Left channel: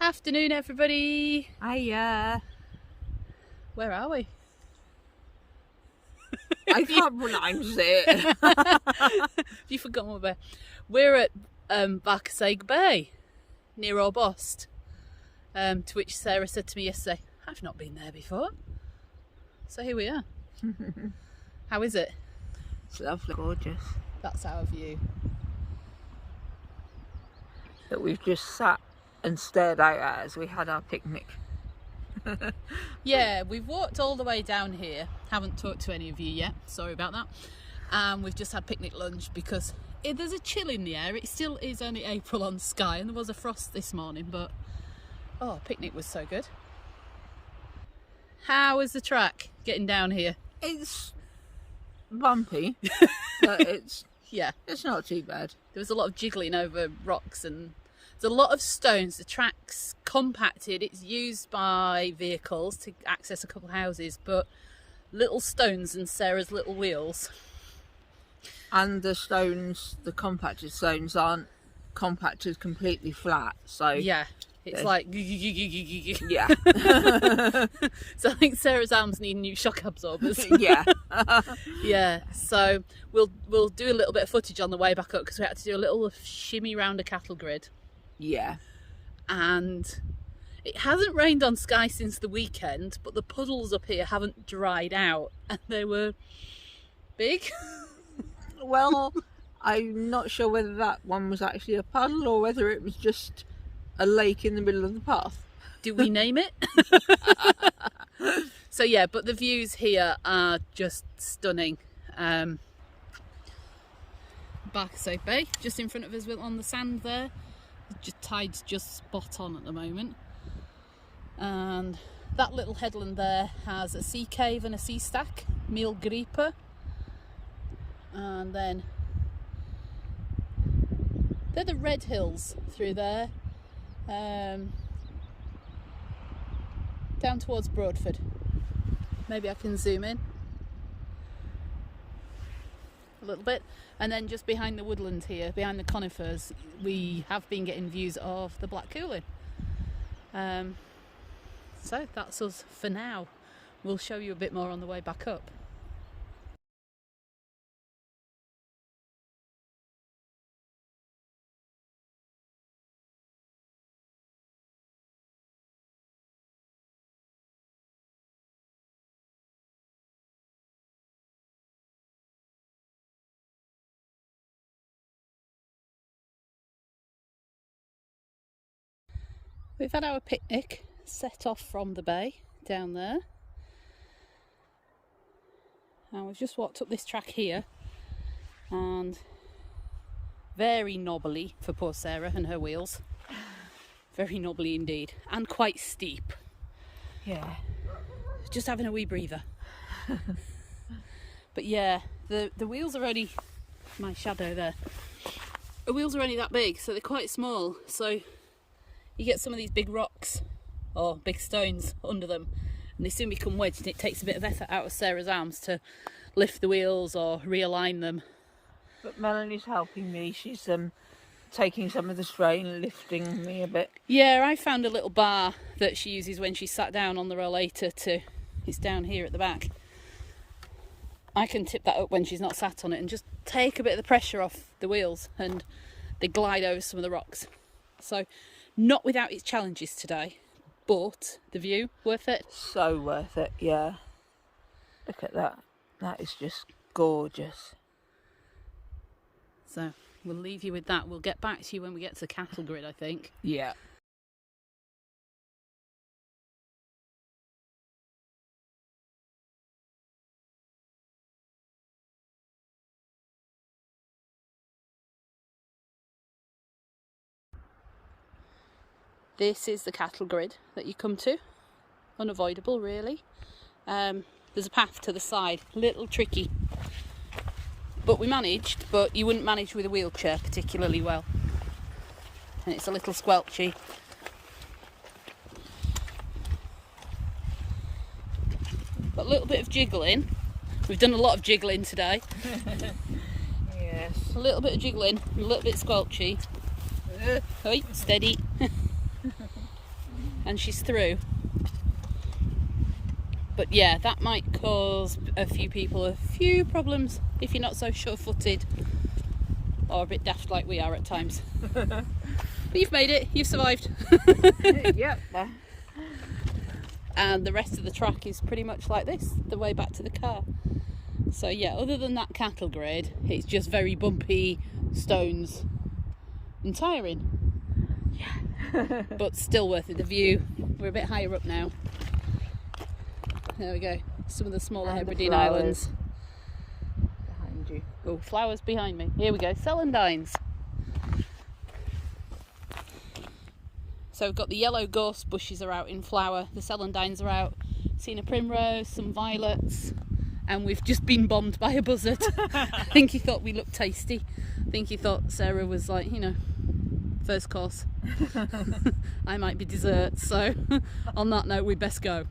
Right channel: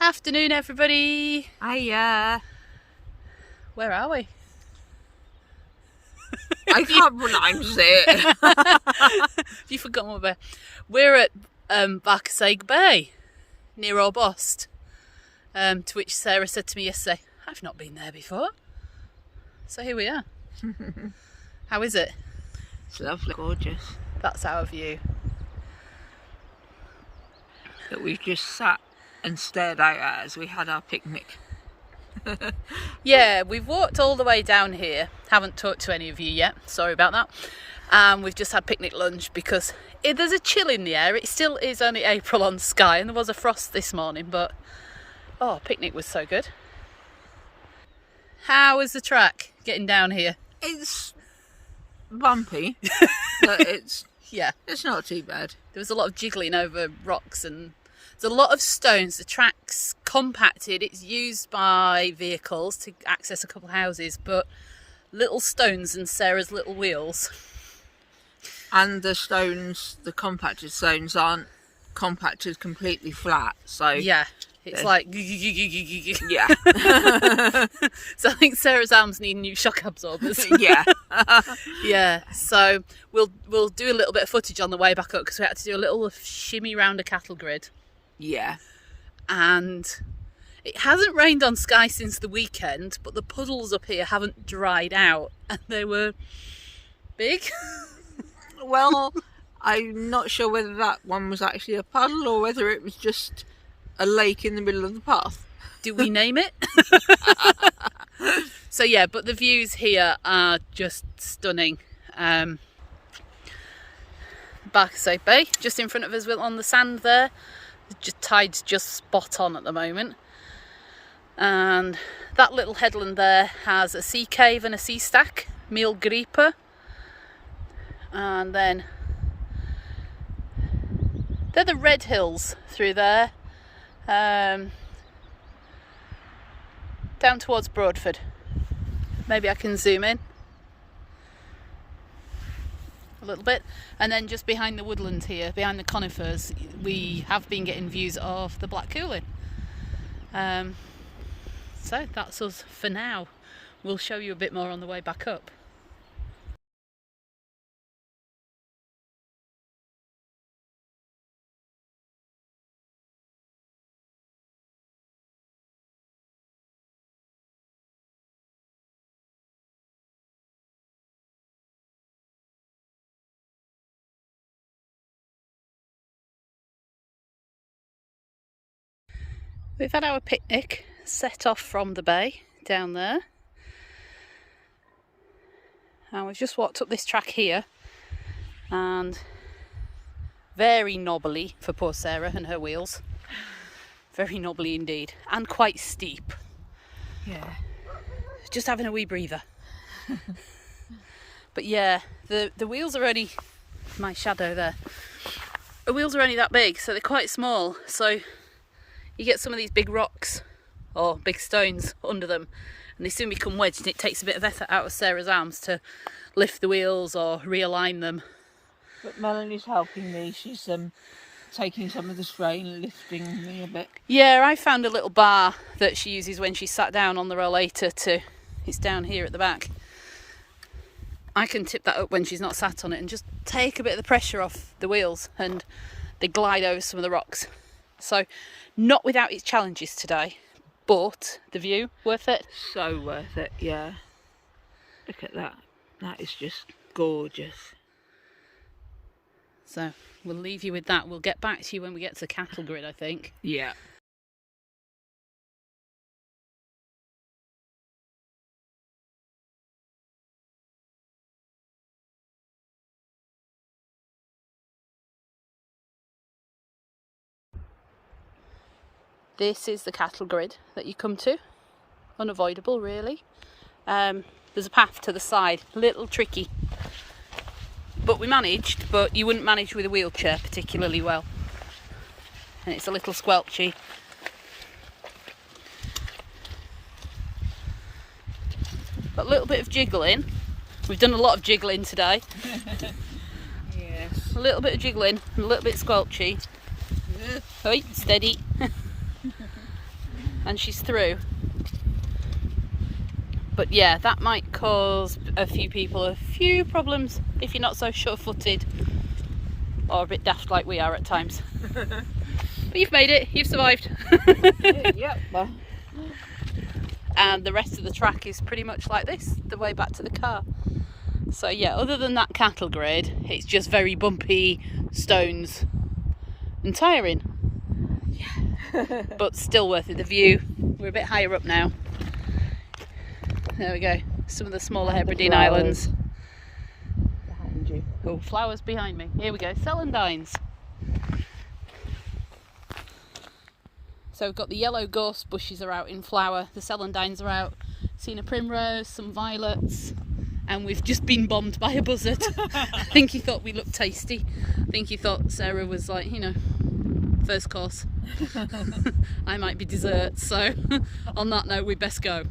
Afternoon, everybody. Hiya. Where are we? I can't pronounce it. Have you forgotten what we're at? Bharcasaig Bay, near Orbost. To which Sarah said to me yesterday, I've not been there before. So here we are. How is it? It's lovely, gorgeous. That's our view. That we've just sat and stared out at as we had our picnic. Yeah, we've walked all the way down here. Haven't talked to any of you yet. Sorry about that. We've just had picnic lunch because there's a chill in the air. It still is only April on Skye and there was a frost this morning, but picnic was so good. How is the track getting down here? It's bumpy, but it's not too bad. There was a lot of jiggling over rocks and there's a lot of stones. The track's compacted. It's used by vehicles to access a couple of houses, but little stones and Sarah's little wheels. And the stones, the compacted stones, aren't compacted completely flat. So yeah, it's like yeah. So I think Sarah's arms need new shock absorbers. Yeah. Yeah. So we'll do a little bit of footage on the way back up because we had to do a little shimmy round a cattle grid. Yeah. And it hasn't rained on Skye since the weekend, but the puddles up here haven't dried out and they were big. Well, I'm not sure whether that one was actually a puddle or whether it was just a lake in the middle of the path. Do we name it? So yeah, but the views here are just stunning. Bharcasaig Bay, just in front of us on the sand there. Tide's just spot on at the moment. And that little headland there has a sea cave and a sea stack, Meal Gripa. And then they're the red hills through there. Down towards Broadford. Maybe I can zoom in a little bit. And then just behind the woodland here, behind the conifers, we have been getting views of the Black Cooling. So that's us for now. We'll show you a bit more on the way back up. We've had our picnic set off from the bay down there, and we've just walked up this track here, and very knobbly for poor Sarah and her wheels, very knobbly indeed, and quite steep. Yeah. Just having a wee breather. But yeah, the wheels are only, my shadow there, the wheels are only that big, so they're quite small, so you get some of these big rocks or big stones under them and they soon become wedged, and it takes a bit of effort out of Sarah's arms to lift the wheels or realign them. But Melanie's helping me. She's taking some of the strain, lifting me a bit. Yeah, I found a little bar that she uses when she sat down on the rollator it's down here at the back. I can tip that up when she's not sat on it and just take a bit of the pressure off the wheels and they glide over some of the rocks. So not without its challenges today, but the view, worth it? So worth it, yeah. Look at that. That is just gorgeous. So we'll leave you with that. We'll get back to you when we get to the cattle grid, I think. Yeah. This is the cattle grid that you come to. Unavoidable, really. There's a path to the side, a little tricky. But we managed, but you wouldn't manage with a wheelchair particularly well. And it's a little squelchy. But a little bit of jiggling. We've done a lot of jiggling today. Yes. A little bit of jiggling, and a little bit squelchy. Oi, steady. and she's through. But yeah, that might cause a few people a few problems if you're not so sure-footed or a bit daft like we are at times. But you've made it, you've survived. Yep. And the rest of the track is pretty much like this, the way back to the car. So yeah, other than that cattle grade, it's just very bumpy stones and tiring. Yeah. But still worth it. The view, we're a bit higher up now. There we go, some of the smaller Hebridean islands. Oh, flowers behind me. Here we go, celandines. So we've got the yellow gorse bushes are out in flower, the celandines are out, seen a primrose, some violets, and we've just been bombed by a buzzard. I think he thought we looked tasty. I think he thought Sarah was like, you know, first course. I might be dessert, so on that note we best go.